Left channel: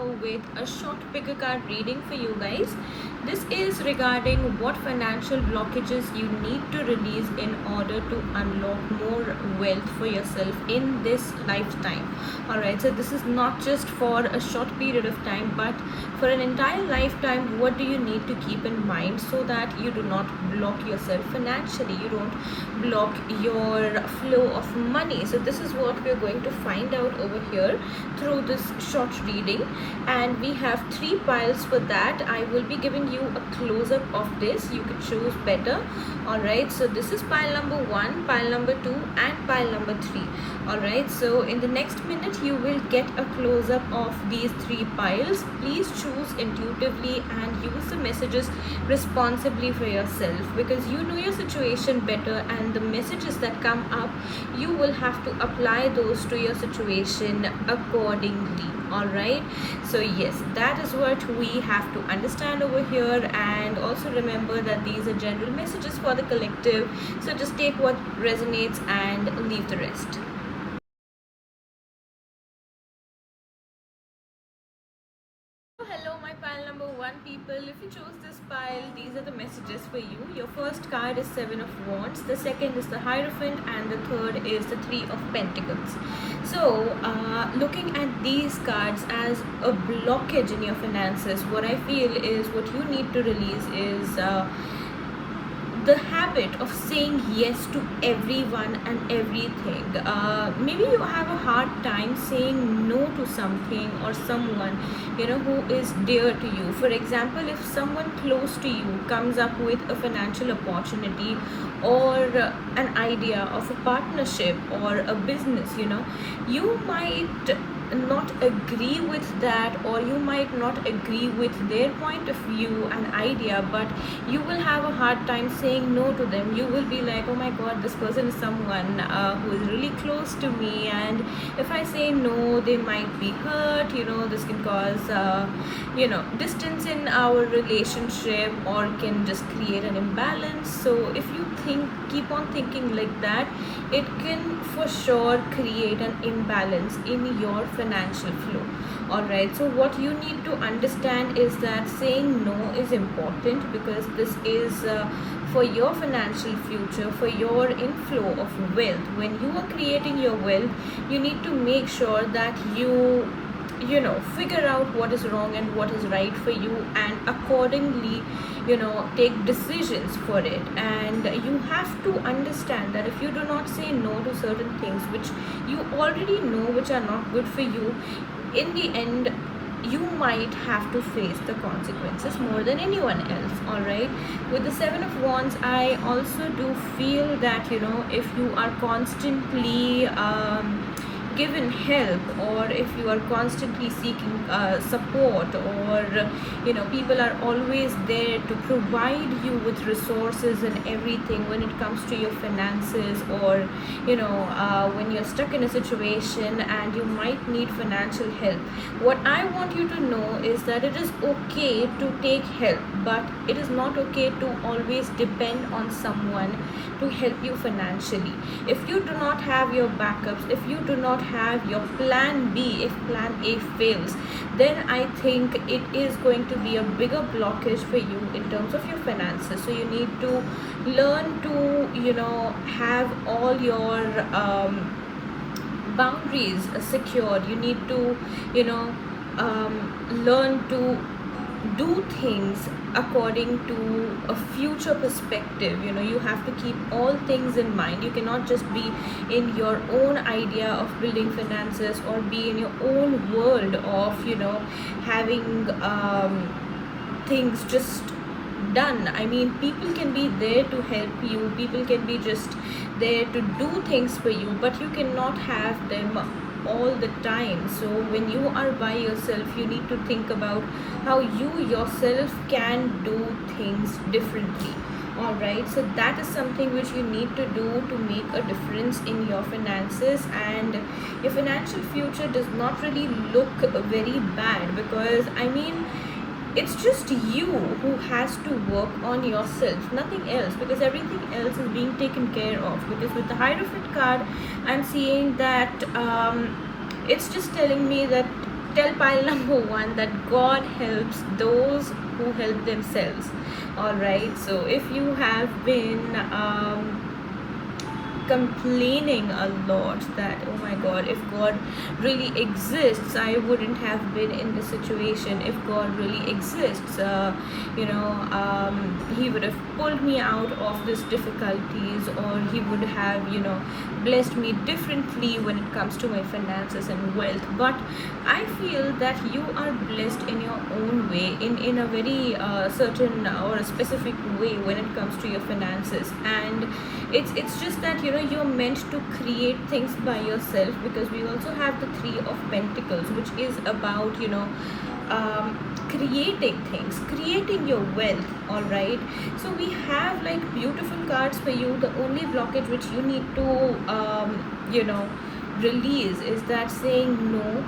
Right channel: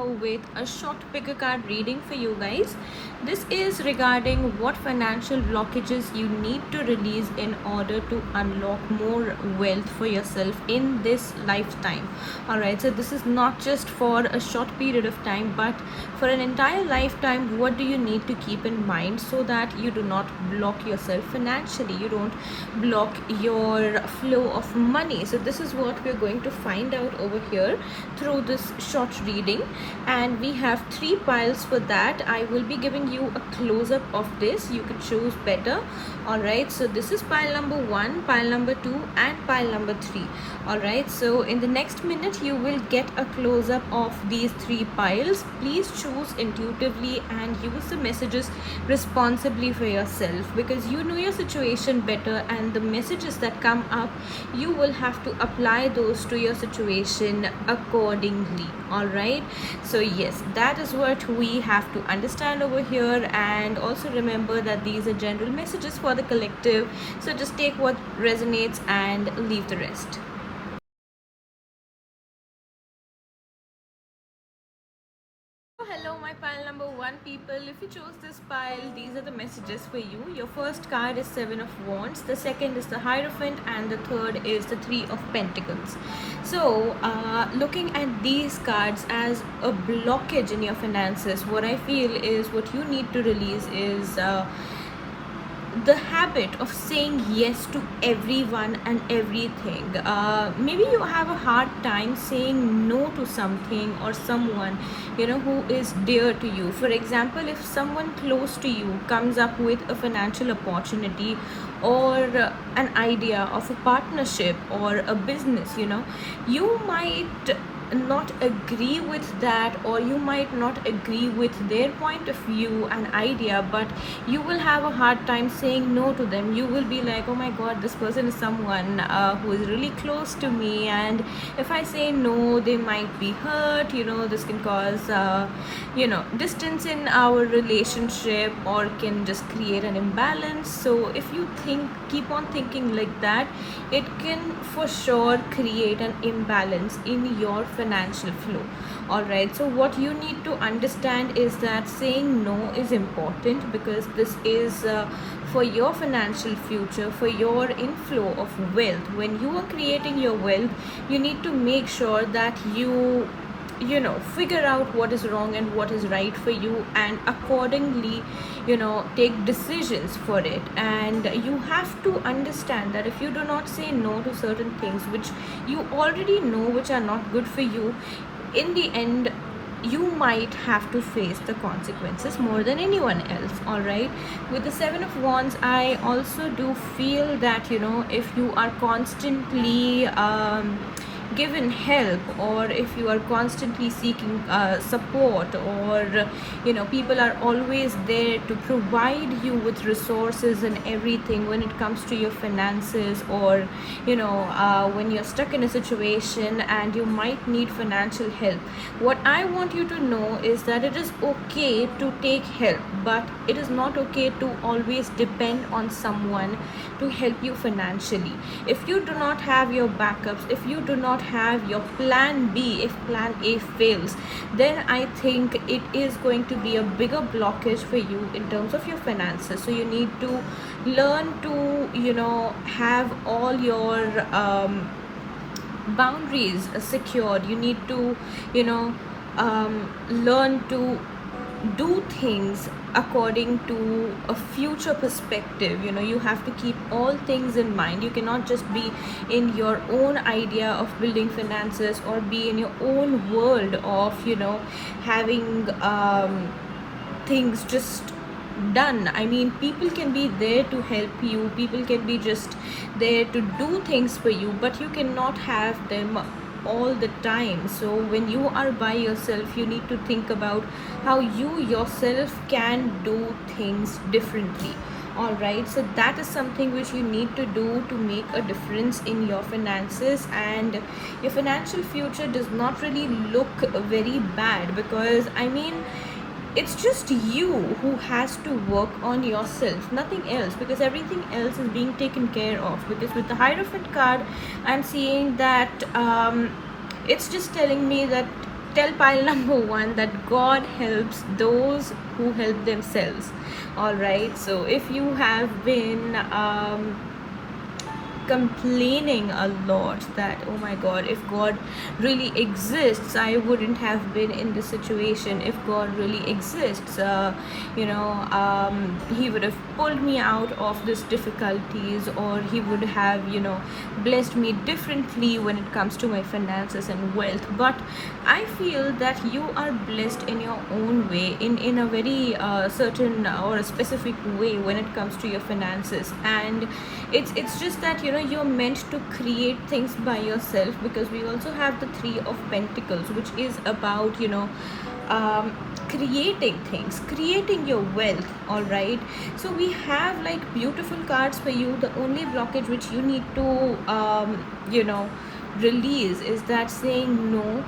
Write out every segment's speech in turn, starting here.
here with a short picker card reading for you guys. This is regarding what financial blockages you need to release in order to unlock more wealth for yourself in this lifetime. Alright, so this is not just for a short period of time, but for an entire lifetime. What do you need to keep in mind so that you do not block yourself financially, you don't block your flow of money? So this is what we're going to find out over here through this short reading, and we have three piles for that. I will be giving you a close-up of this. You can choose better. Alright, so this is pile number 1, pile number 2 and pile number 3. Alright, so in the next minute you will get a close-up of these three piles. Please choose intuitively and use the messages responsibly for yourself, because you know your situation better, and the messages that come up, you will have to apply those to your situation accordingly. Alright, so yes, that is what we have to understand over here, and also remember that these are general messages for the collective, so just take what resonates and leave the rest. Hello, my pile number 1 people. If you chose this pile, these are the messages for you. Your first card is 7 of Wands, the second is the Hierophant, and the third is the 3 of Pentacles. So looking at these cards as a blockage in your finances, what I feel is what you need to release is the habit of saying yes to everyone and everything. Maybe you have a hard time saying no to something or someone, who is dear to you. For example, if someone close to you comes up with a financial opportunity or an idea of a partnership or a business, you might not agree with that, or you might not agree with their point of view and idea, but you will have a hard time saying no to them. You will be like, oh my god, this person is someone who is really close to me, and if I say no, they might be hurt. This can cause distance in our relationship, or can just create an imbalance. So if you keep on thinking like that, it can for sure create an imbalance in your financial flow. Alright, so what you need to understand is that saying no is important, because this is for your financial future, for your inflow of wealth. When you are creating your wealth, you need to make sure that you figure out what is wrong and what is right for you, and accordingly take decisions for it. And you have to understand that if you do not say no to certain things which you already know which are not good for you, in the end you might have to face the consequences more than anyone else. Alright, with the 7 of Wands, I also do feel that if you are constantly given help, or if you are constantly seeking support, or people are always there to provide you with resources and everything when it comes to your finances, or when you're stuck in a situation and you might need financial help, what I want you to know is that it is okay to take help, but it is not okay to always depend on someone to help you financially. If you do not have your backups, if you do not have your plan B, if plan A fails, then I think it is going to be a bigger blockage for you in terms of your finances. So you need to learn to have all your boundaries secured. You need to learn to do things according to a future perspective. You have to keep all things in mind. You cannot just be in your own idea of building finances, or be in your own world of having things just done. I mean, people can be there to help you, people can be just there to do things for you, but you cannot have them all the time. So when you are by yourself, you need to think about how you yourself can do things differently. Alright, so that is something which you need to do to make a difference in your finances, and your financial future does not really look very bad, because I mean, it's just you who has to work on yourself, nothing else, because everything else is being taken care of. Because with the Hierophant card, I'm seeing that it's just telling me that tell pile number one that God helps those who help themselves. All right. So if you have been complaining a lot that, oh my god, if God really exists, I wouldn't have been in this situation. If God really exists, he would have pulled me out of these difficulties, or he would have, blessed me differently when it comes to my finances and wealth. But I feel that you are blessed in your own way, in a very certain or a specific way when it comes to your finances. And it's just that you're meant to create things by yourself, because we also have the Three of Pentacles, which is about creating things, creating your wealth. All right, so we have like beautiful cards for you. The only blockage which you need to release is that saying no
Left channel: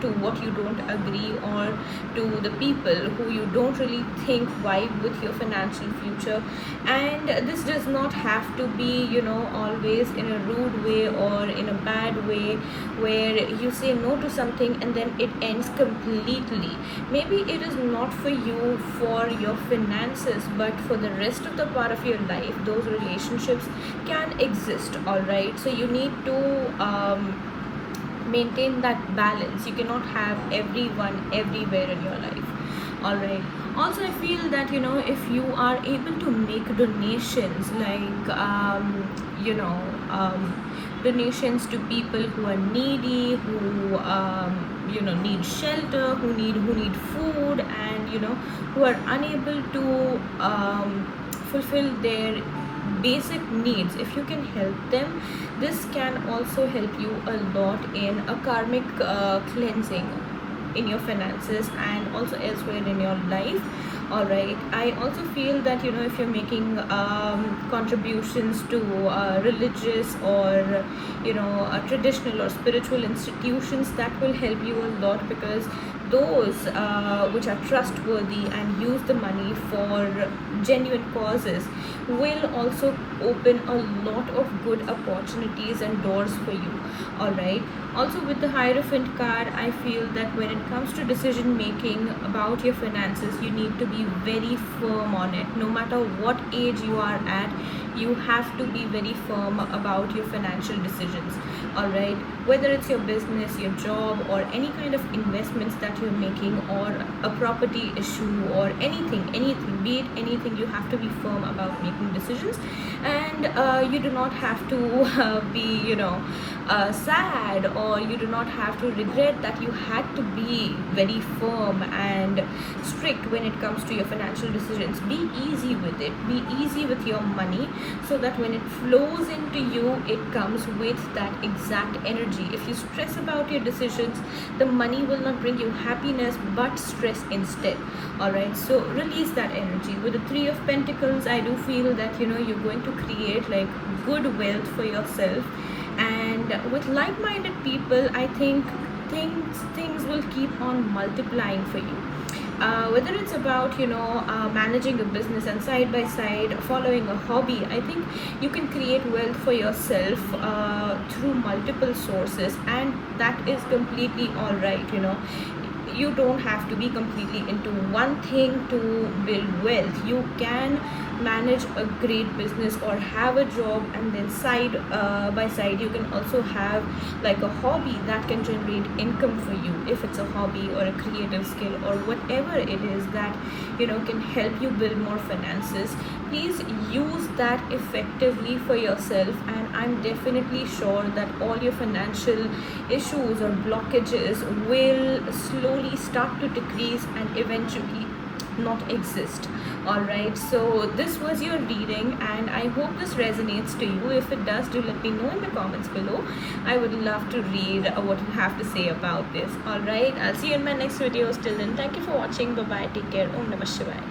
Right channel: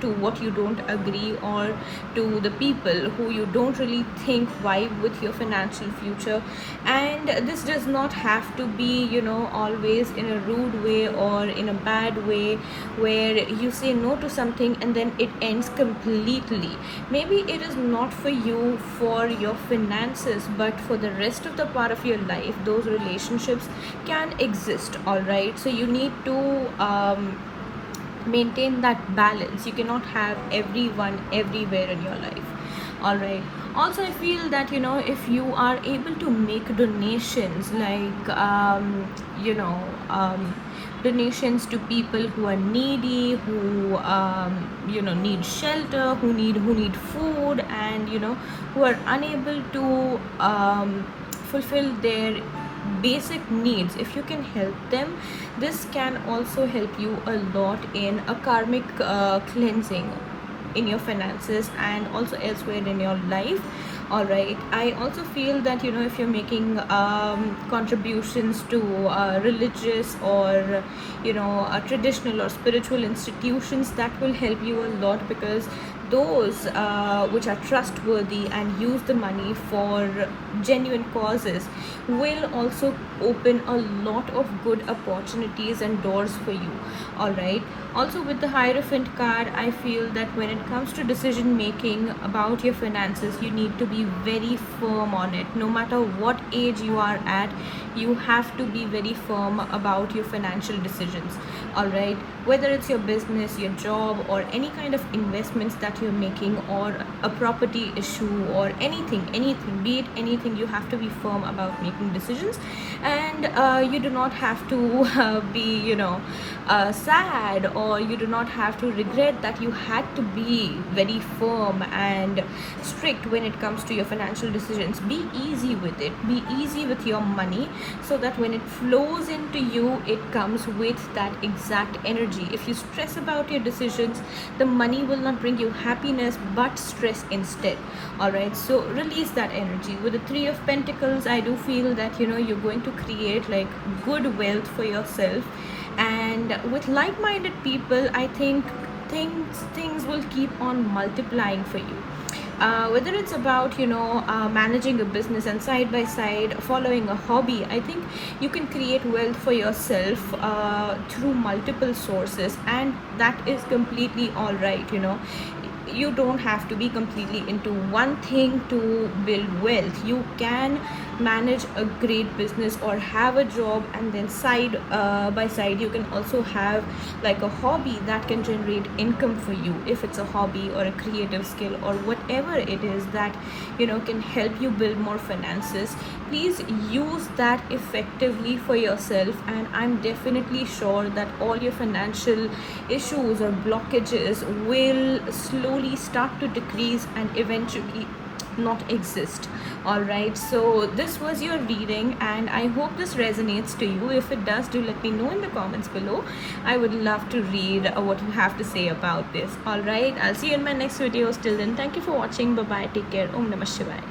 to what you don't agree, or to the people who you don't really think vibe with your financial future. And this does not have to be always in a rude way or in a bad way, where you say no to something and then it ends completely. Maybe it is not for you for your finances, but for the rest of the part of your life, those relationships can exist. All right, so you need to maintain that balance. You cannot have everyone everywhere in your life. All right, also I feel that if you are able to make donations, like donations to people who are needy, who need shelter, who need food, and who are unable to fulfill their basic needs, if you can help them, this can also help you a lot in a karmic cleansing in your finances and also elsewhere in your life. All right, I also feel that if you're making contributions to religious or traditional or spiritual institutions, that will help you a lot, because those which are trustworthy and use the money for genuine causes will also open a lot of good opportunities and doors for you. All right, also with the Hierophant card, I feel that when it comes to decision making about your finances, you need to be very firm on it. No matter what age you are at, you have to be very firm about your financial decisions. All right, whether it's your business, your job, or any kind of investments that you're making, or a property issue, or anything, be it anything, you have to be firm about making decisions. And you do not have to be sad, or you do not have to regret that you had to be very firm and strict when it comes to your financial decisions. Be easy with it, be easy with your money, so that when it flows into you, it comes with that exact energy. If you stress about your decisions, the money will not bring you happiness but stress instead. All right, so release that energy. With the Three of Pentacles, I do feel that you're going to create like good wealth for yourself, and with like-minded people, I think things will keep on multiplying for you. Whether it's about managing a business and side by side following a hobby, I think you can create wealth for yourself through multiple sources, and that is completely all right. You don't have to be completely into one thing to build wealth. You can manage a great business or have a job, and then side by side you can also have like a hobby that can generate income for you, if it's a hobby or a creative skill or whatever it is that can help you build more finances. Please use that effectively for yourself, and I'm definitely sure that all your financial issues or blockages will slowly start to decrease and eventually not exist. All right, so this was your reading, and I hope this resonates to you. If it does, do let me know in the comments below. I would love to read what you have to say about this. All right, I'll see you in my next videos. Till then, thank you for watching. Bye bye, take care. Om Namah Shivaya.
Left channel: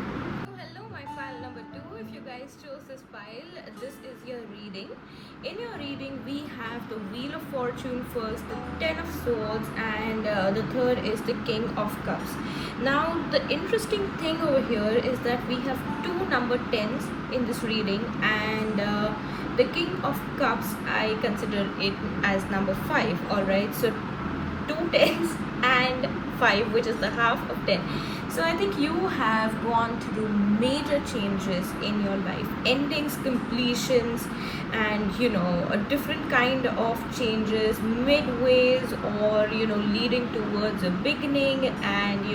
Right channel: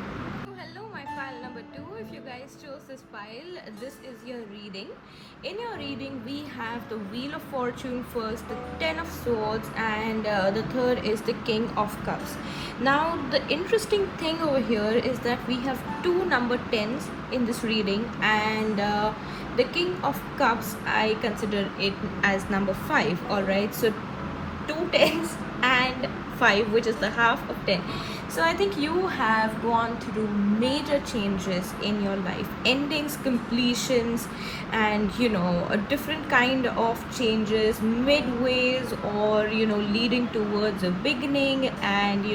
Hello, my pile number 2. If you guys chose this pile, this is your reading. In your reading, we have the Wheel of Fortune first, the Ten of Swords, and the third is the King of Cups. Now, the interesting thing over here is that we have two number 10s in this reading, and the King of Cups, I consider it as number 5. All right, so two 10s and 5, which is the half of 10. So I think you have gone through major changes in your life, endings, completions, and a different kind of changes, midways, or leading towards a beginning, and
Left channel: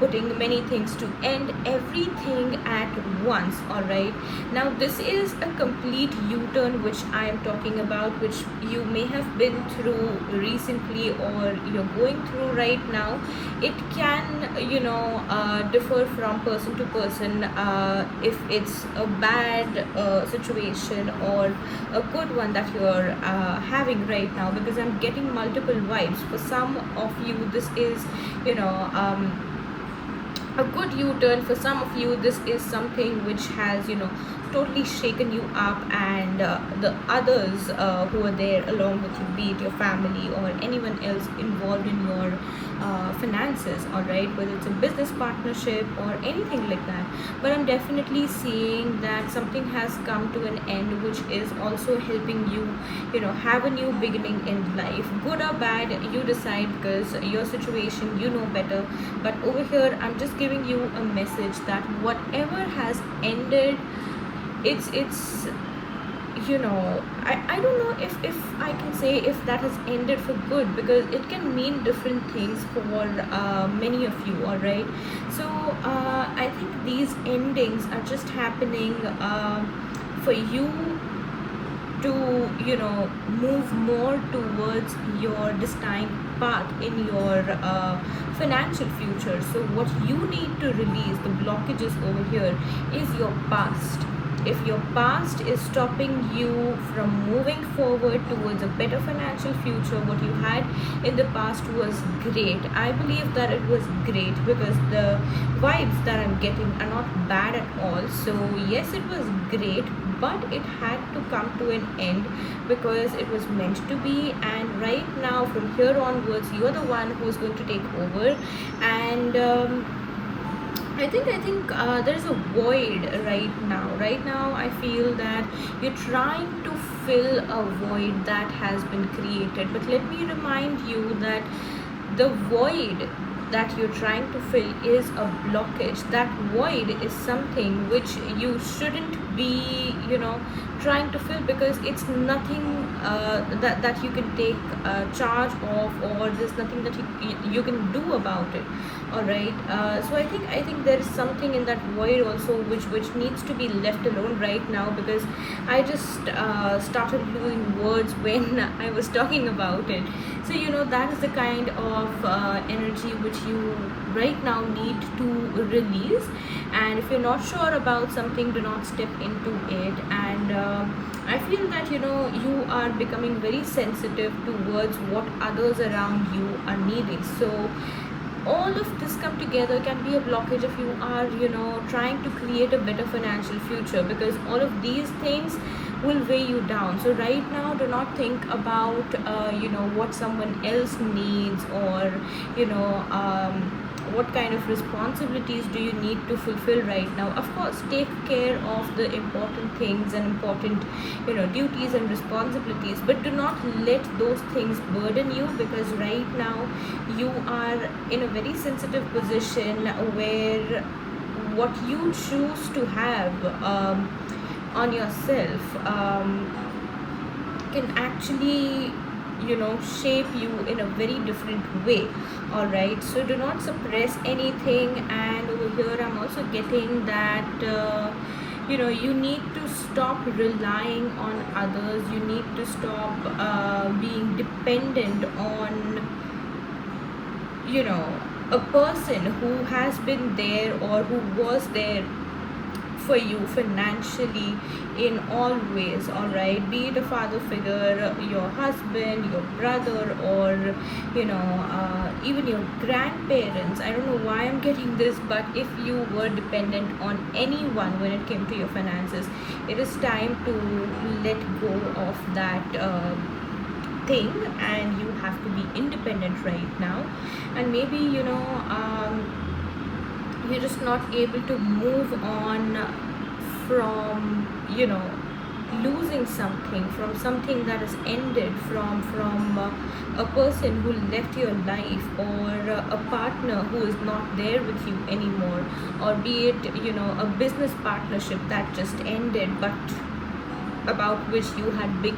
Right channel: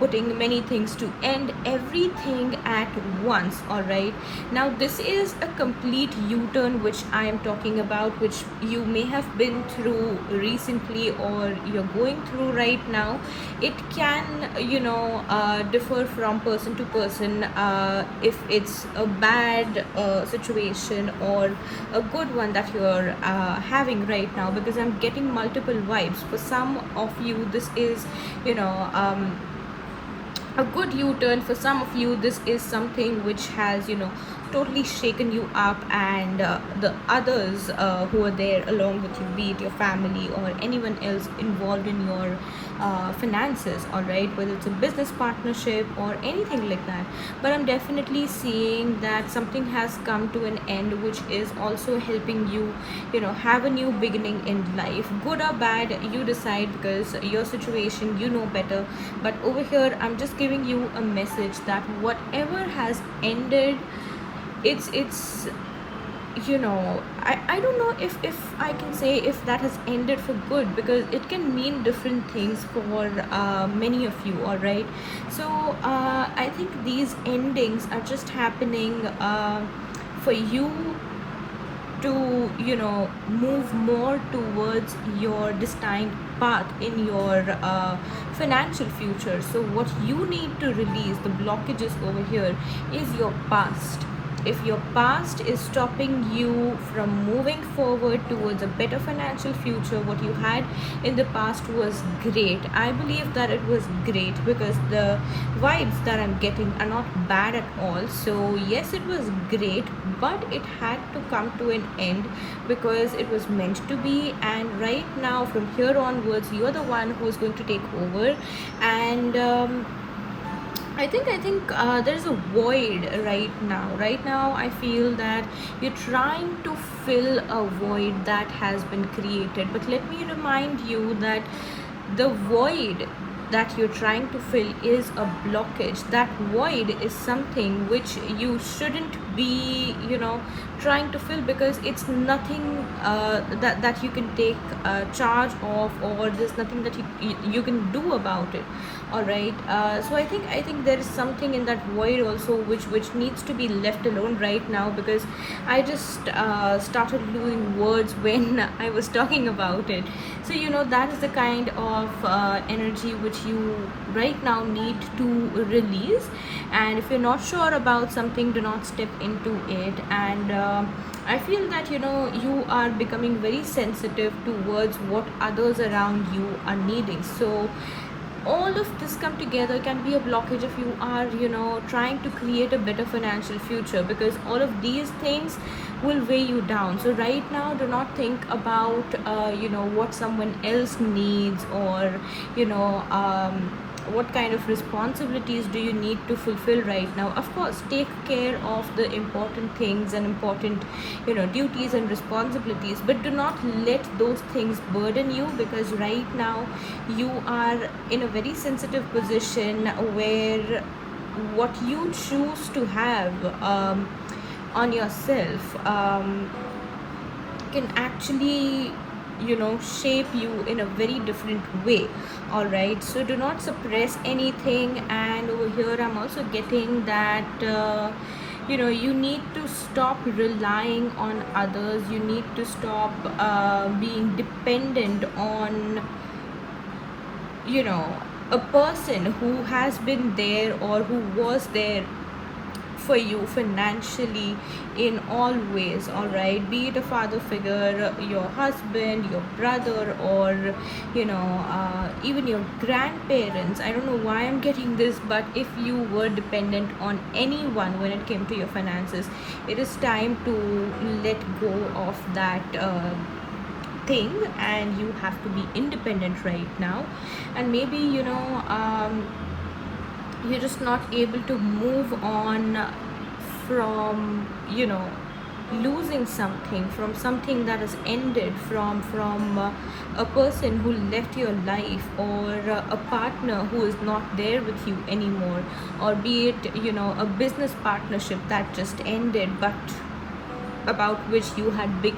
putting many things to end, everything at once. All right, now this is a complete u-turn which I am talking about, which you may have been through recently or you're going through right now. It can differ from person to person, if it's a bad situation or a good one that you are having right now, because I'm getting multiple vibes. For some of you, this is you know a good u-turn. For some of you, this is something which has totally shaken you up, and the others who are there along with you, be it your family or anyone else involved in your finances, all right, whether it's a business partnership or anything like that. But I'm definitely seeing that something has come to an end, which is also helping you have a new beginning in life. Good or bad, you decide, because your situation you know better. But over here, I'm just giving you a message that whatever has ended, it's I don't know if I can say if that has ended for good, because it can mean different things for many of you. All right, so I think these endings are just happening for you to move more towards your destined path in your financial future. So what you need to release, the blockages over here, is your past. If your past is stopping you from moving forward towards a better financial future, what you had in the past was great. I believe that it was great, because the vibes that I'm getting are not bad at all. So yes, it was great, but it had to come to an end, because it was meant to be. And right now, from here onwards, you're the one who's going to take over. And I think there's a void right now. Right now, I feel that you're trying to fill a void that has been created. But let me remind you that the void that you're trying to fill is a blockage. That void is something which you shouldn't be, trying to fill, because it's nothing that you can take charge of, or there's nothing that you can do about it. All right, so I think there's something in that void also which needs to be left alone right now, because I just started losing words when I was talking about it. So that is the kind of energy which you right now need to release. And if you're not sure about something, do not step into it. And I feel that you are becoming very sensitive towards what others around you are needing. So all of this come together can be a blockage if you are trying to create a better financial future, because all of these things will weigh you down. So right now, do not think about what someone else needs, or what kind of responsibilities do you need to fulfill right now. Of course, take care of the important things and important duties and responsibilities, but do not let those things burden you, because right now you are in a very sensitive position where what you choose to have on yourself can actually shape you in a very different way. All right, so do not suppress anything. And over here, I'm also getting that you need to stop relying on others. You need to stop being dependent on a person who has been there or who was there for you financially in all ways. All right, be it a father figure, your husband, your brother, or even your grandparents. I don't know why I'm getting this, but if you were dependent on anyone when it came to your finances, it is time to let go of that thing, and you have to be independent right now. And maybe you're just not able to move on from losing something, from something that has ended, from a person who left your life, or a partner who is not there with you anymore, or be it, a business partnership that just ended, but about which you had big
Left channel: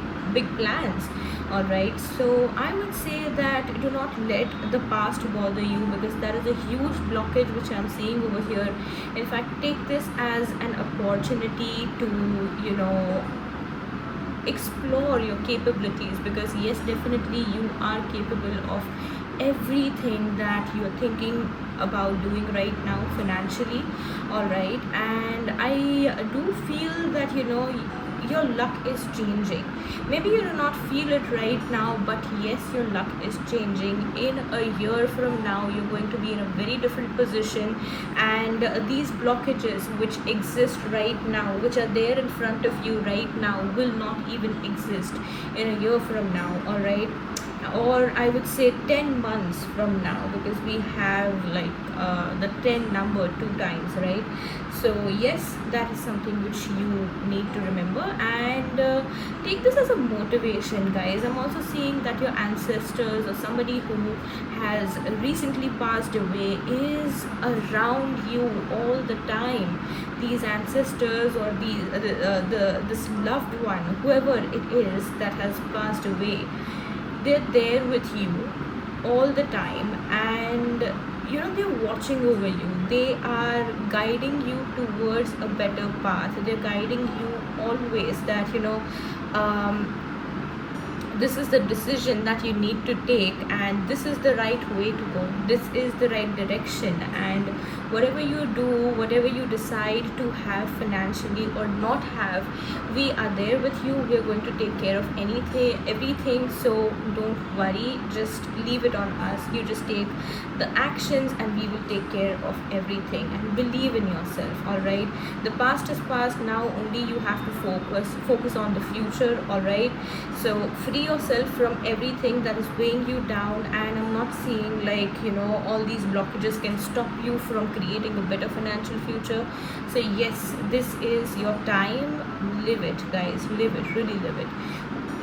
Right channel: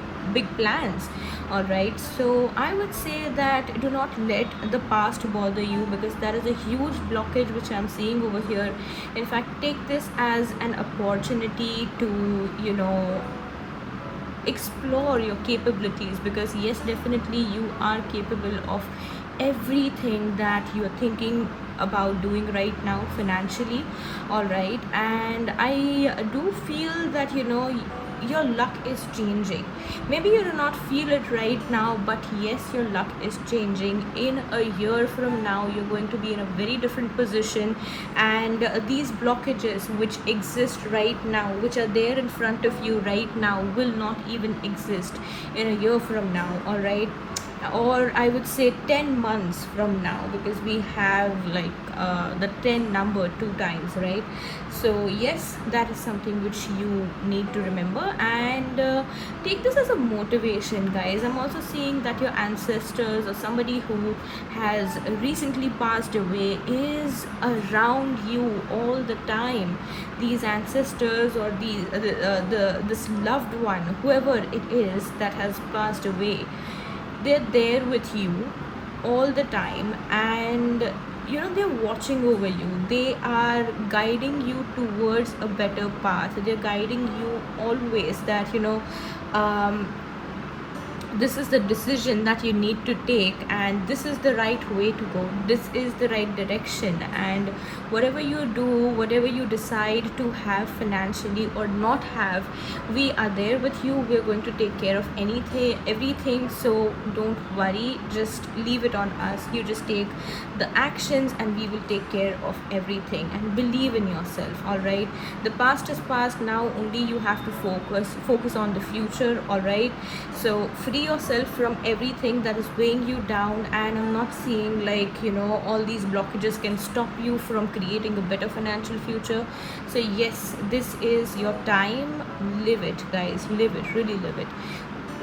plans. All right, so I would say that do not let the past bother you, because that is a huge blockage which I'm seeing over here. In fact, take this as an opportunity to explore your capabilities, because yes, definitely you are capable of everything that you're thinking about doing right now financially. All right, and I do feel that your luck is changing. Maybe you do not feel it right now, but yes, your luck is changing. In a year from now, you're going to be in a very different position, and these blockages which exist right now, which are there in front of you right now, will not even exist in a year from now. All right, or I would say 10 months from now, because we have like the 10 number 2 times, right? So yes, that is something which you need to remember, and take this as a motivation, guys. I'm also seeing that your ancestors or somebody who has recently passed away is around you all the time. These ancestors, or this loved one, whoever it is that has passed away, they're there with you all the time, and they're watching over you. They are guiding you towards a better path. They're guiding you always that um, this is the decision that you need to take, and this is the right way to go. This is the right direction, and whatever you do, whatever you decide to have financially or not have, we are there with you. We're going to take care of everything. So don't worry, just leave it on us. You just take the actions, and we will take care of everything, and believe in yourself. All right, the past is past. Now only you have to focus on the future. All right, so free yourself from everything that is weighing you down, and I'm not seeing like all these blockages can stop you from creating a better financial future. So yes, this is your time. Live it, guys. Live it, really live it.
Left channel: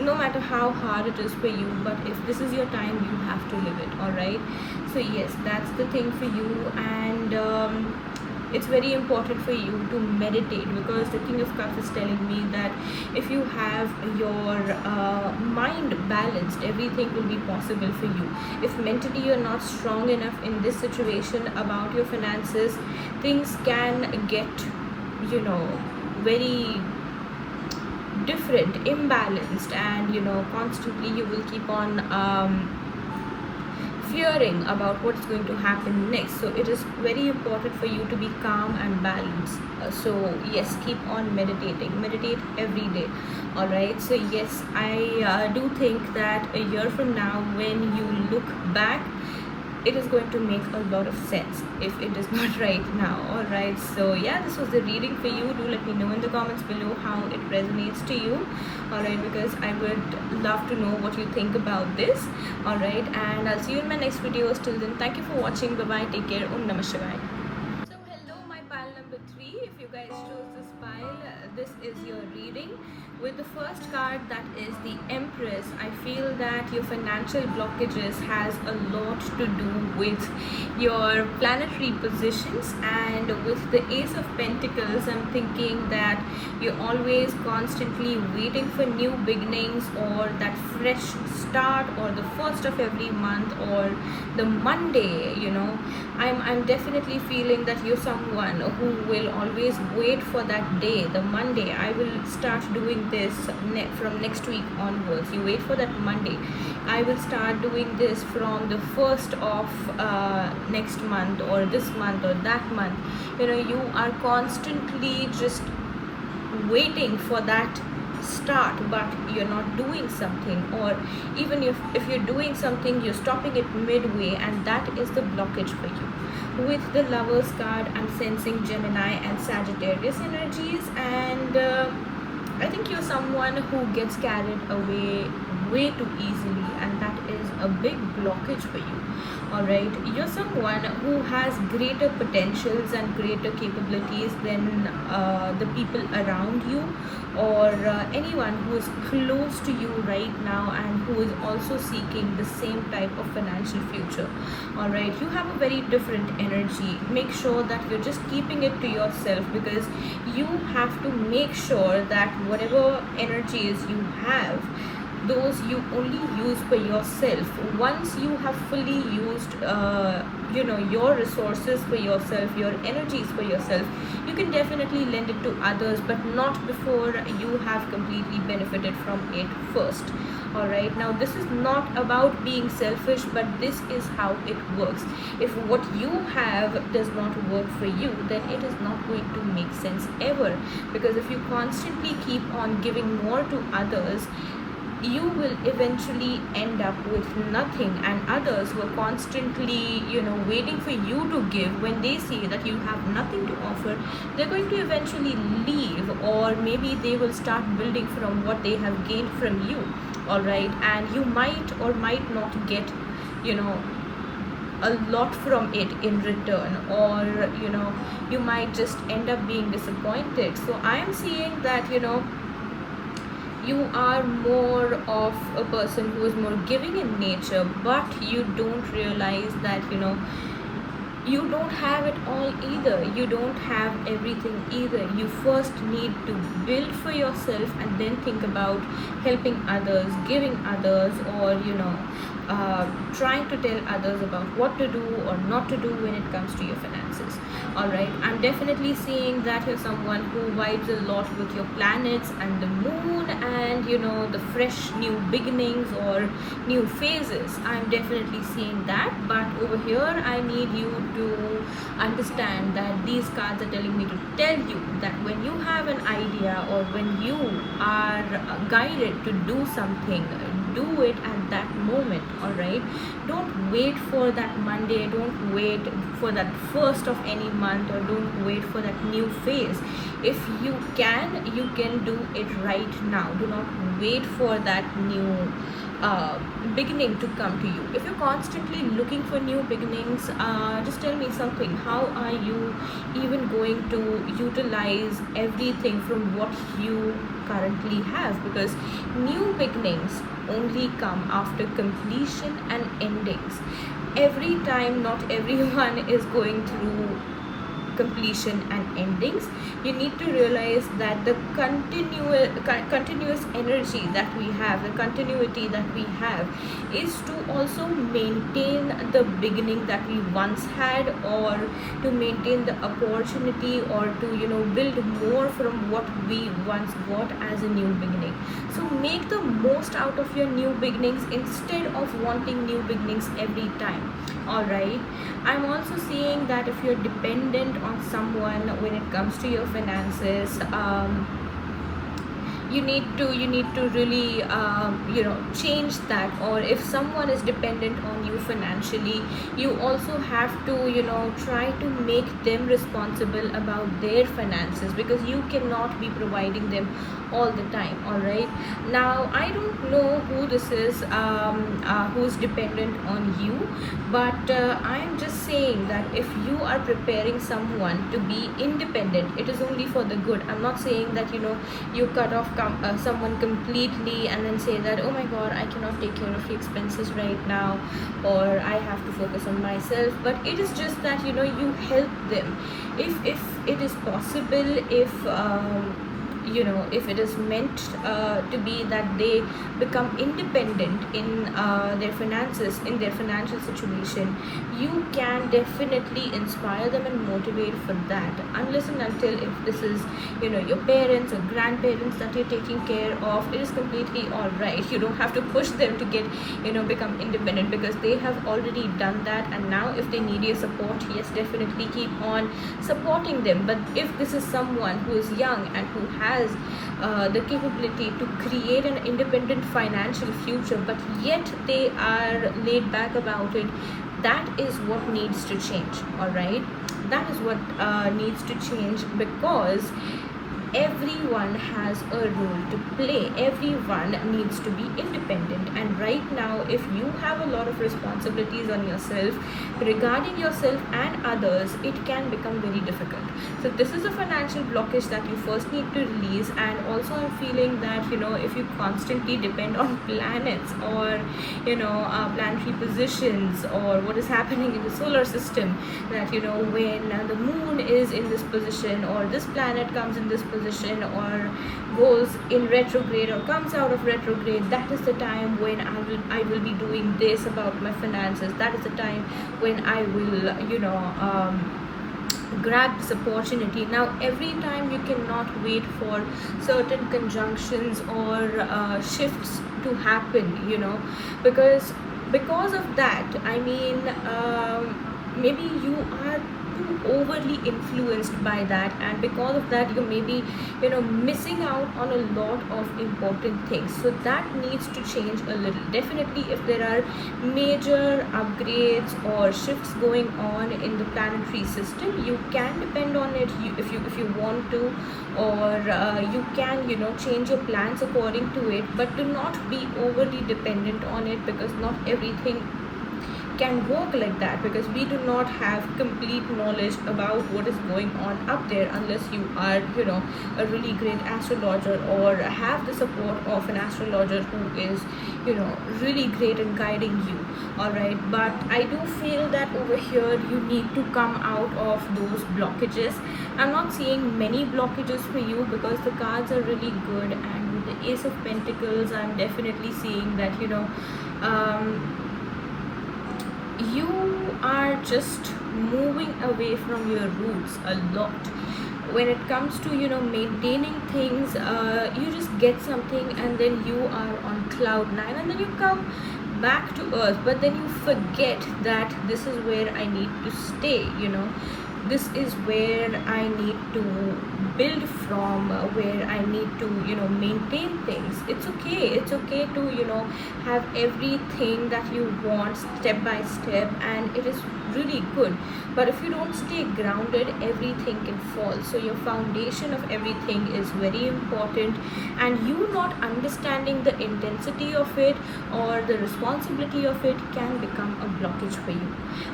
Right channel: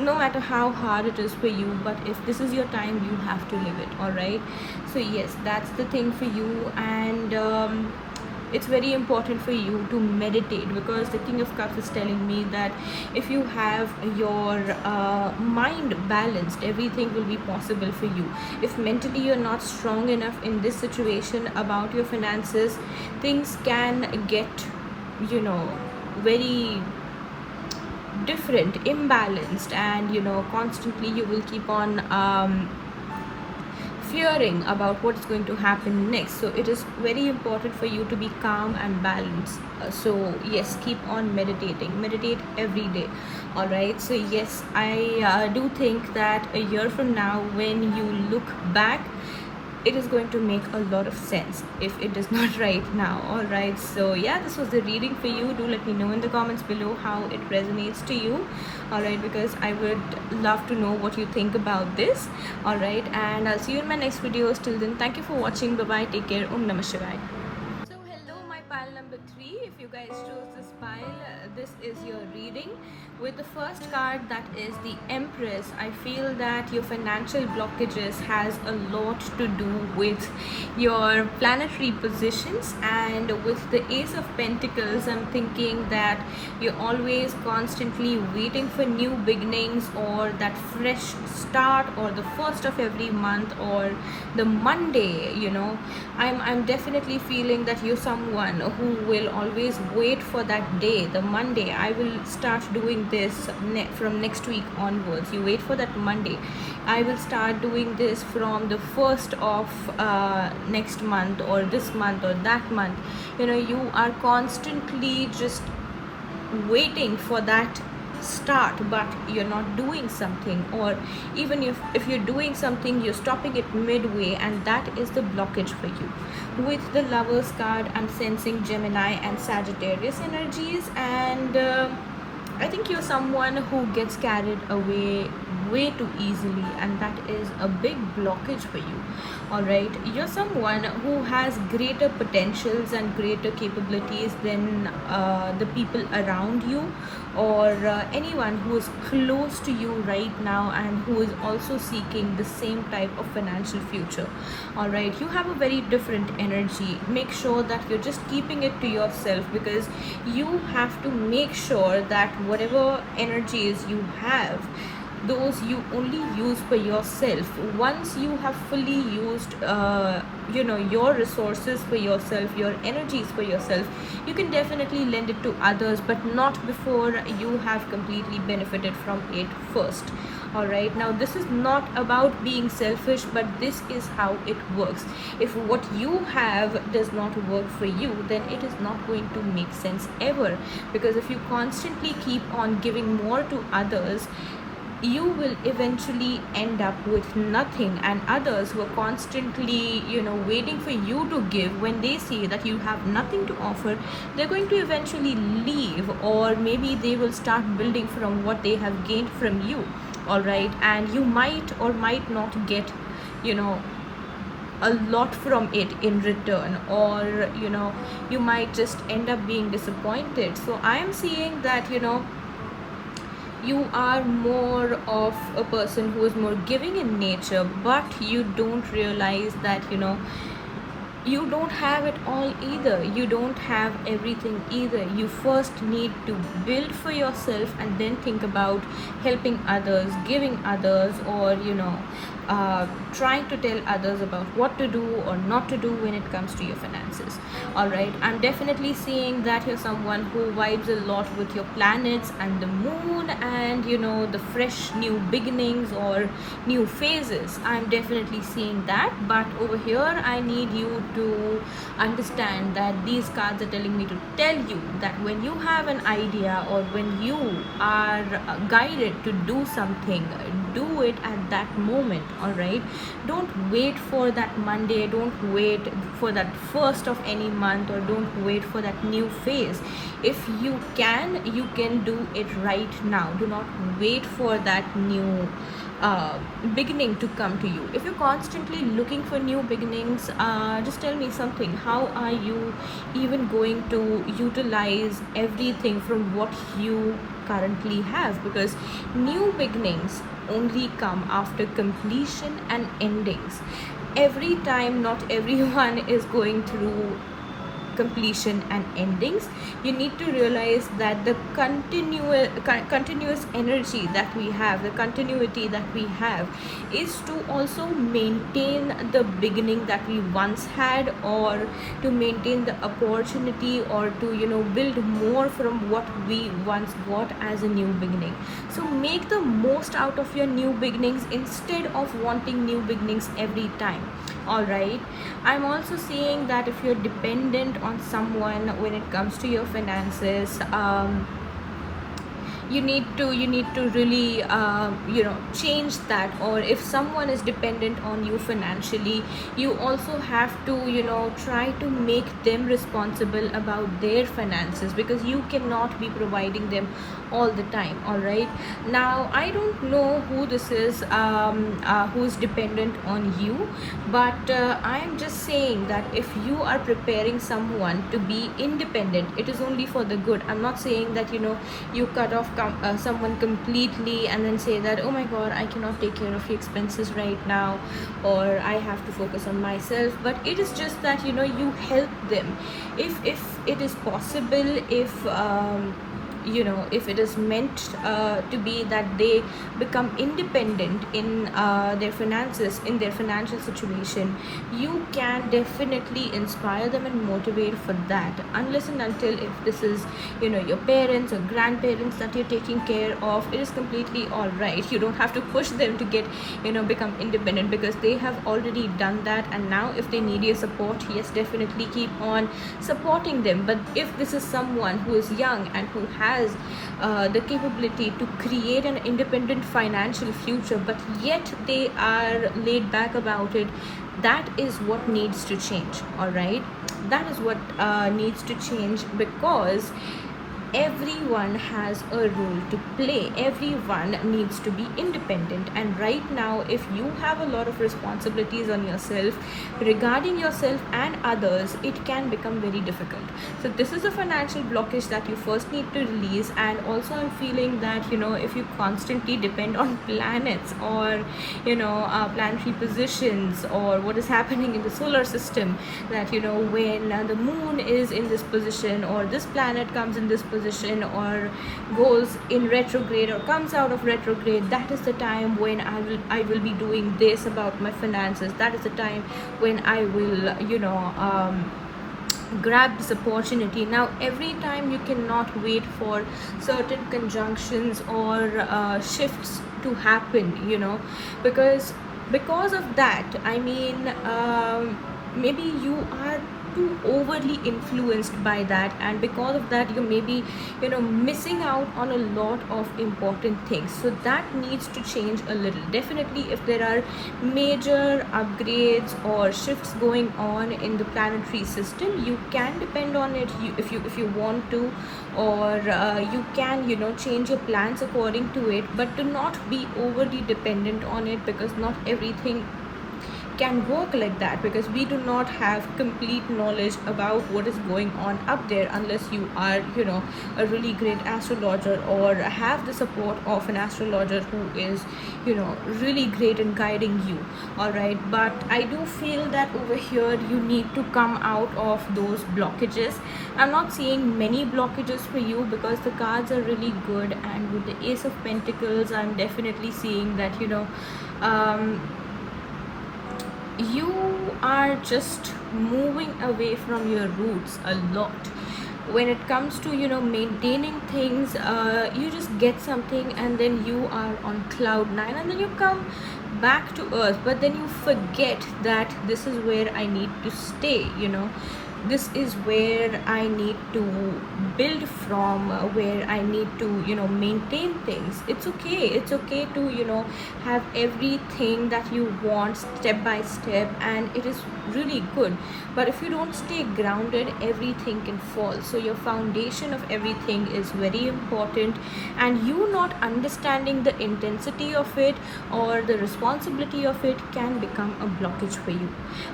No matter how hard it is for you, but if this is your time, you have to live it. All right, so yes, that's the thing for you. And it's very important for you to meditate, because the King of Cups is telling me that if you have your mind balanced, everything will be possible for you. If mentally you're not strong enough in this situation about your finances, things can get very different, imbalanced, and constantly you will keep on fearing about what's going to happen next. So it is very important for you to be calm and balanced. So yes, keep on meditate every day. All right, so yes, I do think that a year from now, when you look back, it is going to make a lot of sense if it is not right now. All right, so yeah, this was the reading for you. Do let me know in the comments below how it resonates to you. All right, because I would love to know what you think about this. All right, and I'll see you in my next video. Till then, thank you for watching. Bye bye, take care. Namah Shivaya. So hello, my pile number 3. If you guys chose this pile, this is your reading. With the first card, that is the Empress, I feel that your financial blockages has a lot to do with your planetary positions, and with the Ace of Pentacles, I'm thinking that you're always constantly waiting for new beginnings, or that fresh start, or the first of every month, or the Monday. I'm definitely feeling that you're someone who will always wait for that day, the Monday. I will start doing this from next week onwards. You wait for that Monday. I will start doing this from the first of next month, or this month, or that month. You are constantly just waiting for that start, but you're not doing something, or even if you're doing something, you're stopping it midway, and that is the blockage for you. With the Lovers card, I'm sensing Gemini and Sagittarius energies, and I think you're someone who gets carried away way too easily, and that is a big blockage for you. All right, you're someone who has greater potentials and greater capabilities than the people around you, or anyone who is close to you right now and who is also seeking the same type of financial future. All right, you have a very different energy. Make sure that you're just keeping it to yourself, because you have to make sure that whatever energies you have, those you only use for yourself. Once you have fully used your resources for yourself, your energies for yourself, you can definitely lend it to others, but not before you have completely benefited from it first. All right, now this is not about being selfish, but this is how it works. If what you have does not work for you, then it is not going to make sense ever, because if you constantly keep on giving more to others, you will eventually end up with nothing, and others who are constantly waiting for you to give, when they see that you have nothing to offer, they're going to eventually leave, or maybe they will start building from what they have gained from you. All right, and you might or might not get a lot from it in return, or you might just end up being disappointed. So I am seeing that you are more of a person who is more giving in nature, but you don't realize that you don't have it all either. You don't have everything either. You first need to build for yourself and then think about helping others, giving others, or trying to tell others about what to do or not to do when it comes to your finances. All right, I'm definitely seeing that you're someone who vibes a lot with your planets and the moon, and the fresh new beginnings or new phases. I'm definitely seeing that, but over here I need you to understand that these cards are telling me to tell you that when you have an idea, or when you are guided to do something, do it at that moment. All right, don't wait for that Monday, don't wait for that first of any month, or don't wait for that new phase. If you can do it right now. Do not wait for that new beginning to come to you. If you're constantly looking for new beginnings, just tell me something. How are you even going to utilize everything from what you currently have? Because new beginnings only come after completion and endings. Every time, not everyone is going through completion and endings. You need to realize that the continuous energy that we have, the continuity that we have, is to also maintain the beginning that we once had, or to maintain the opportunity, or to build more from what we once got as a new beginning. So make the most out of your new beginnings instead of wanting new beginnings every time. All right, I'm also seeing that if you're dependent on someone when it comes to your finances, you need to really change that. Or if someone is dependent on you financially, you also have to try to make them responsible about their finances, because you cannot be providing them all the time. All right, now I don't know who this is, who's dependent on you, but I'm just saying that if you are preparing someone to be independent, it is only for the good. I'm not saying that you cut off someone completely and then say that, oh my god, I cannot take care of your expenses right now, or I have to focus on myself. But it is just that you help them if it is possible, if it is meant to be that they become independent in their finances, in their financial situation. You can definitely inspire them and motivate for that, unless and until if this is your parents or grandparents that you're taking care of, it is completely all right. You don't have to push them to get become independent, because they have already done that. And now if they need your support, yes, definitely keep on supporting them. But if this is someone who is young and who has the capability to create an independent financial future, but yet they are laid back about it, that is what needs to change. All right, that is what needs to change, because everyone has a role to play. Everyone needs to be independent. And right now, if you have a lot of responsibilities on yourself regarding yourself and others, it can become very difficult. So this is a financial blockage that you first need to release. And also I'm feeling that, if you constantly depend on planets, or planetary positions, or what is happening in the solar system, that when the moon is in this position, or this planet comes in this position, or goes in retrograde or comes out of retrograde, that is the time when I will be doing this about my finances. That is the time when I will grab this opportunity. Now every time you cannot wait for certain conjunctions or shifts to happen, because of that, I mean, maybe you are too overly influenced by that, and because of that you may be missing out on a lot of important things. So that needs to change a little. Definitely, if there are major upgrades or shifts going on in the planetary system, you can depend on it, if you want to, or you can change your plans according to it, but do not be overly dependent on it, because not everything can work like that, because we do not have complete knowledge about what is going on up there, unless you are a really great astrologer, or have the support of an astrologer who is really great in guiding you. All right, but I do feel that over here you need to come out of those blockages. I'm not seeing many blockages for you, because the cards are really good, and with the Ace of Pentacles I'm definitely seeing that you are just moving away from your roots a lot. When it comes to maintaining things, you just get something and then you are on cloud nine, and then you come back to earth, but then you forget that this is where I need to stay. This is where I need to build from, where I need to maintain things. It's okay to have everything that you want step by step, and it is really good. But if you don't stay grounded, everything can fall. So your foundation of everything is very important, and you not understanding the intensity of it or the responsibility of it can become a blockage for you.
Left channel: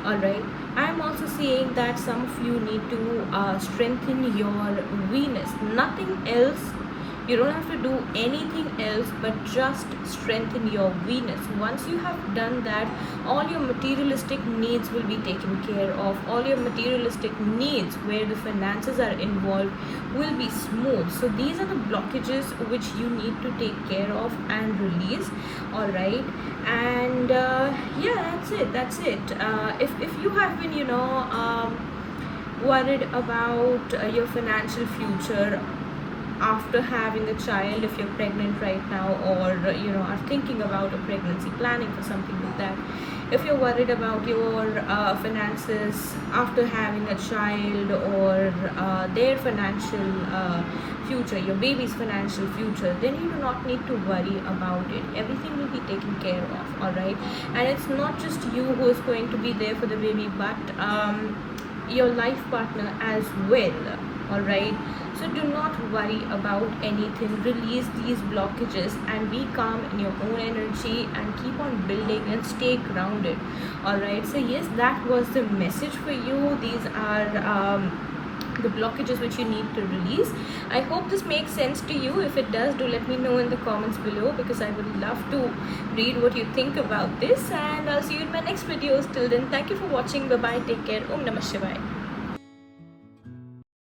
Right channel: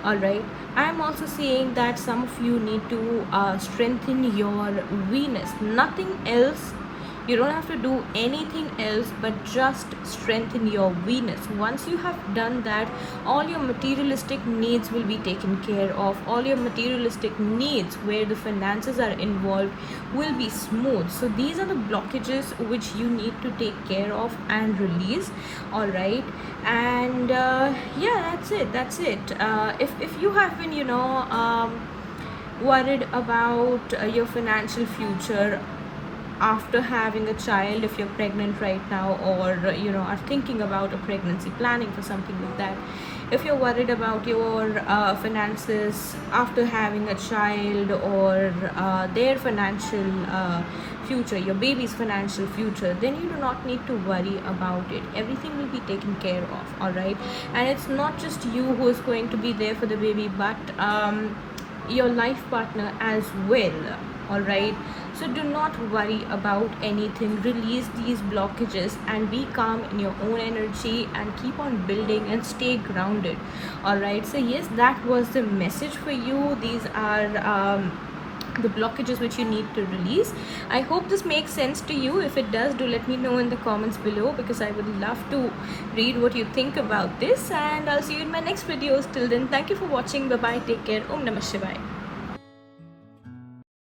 All right, I'm also seeing that some of you need to strengthen your Venus. Nothing else. You don't have to do anything else but just strengthen your Venus. Once you have done that, all your materialistic needs will be taken care of. All your materialistic needs where the finances are involved will be smooth. So these are the blockages which you need to take care of and release. All right, and yeah, that's it. If you have been worried about your financial future after having a child, if you're pregnant right now, or are thinking about a pregnancy, planning for something like that, if you're worried about your finances after having a child, or their financial future, your baby's financial future, then you do not need to worry about it. Everything will be taken care of. All right, and it's not just you who is going to be there for the baby, but your life partner as well. All right, so do not worry about anything. Release these blockages and be calm in your own energy, and keep on building and stay grounded. All right, so yes, that was the message for you. These are the blockages which you need to release. I hope this makes sense to you. If it does, do let me know in the comments below, because I would love to read what you think about this, and I'll see you in my next videos. Till then, thank you for watching. Bye bye, take care. Om Namah Shivaya.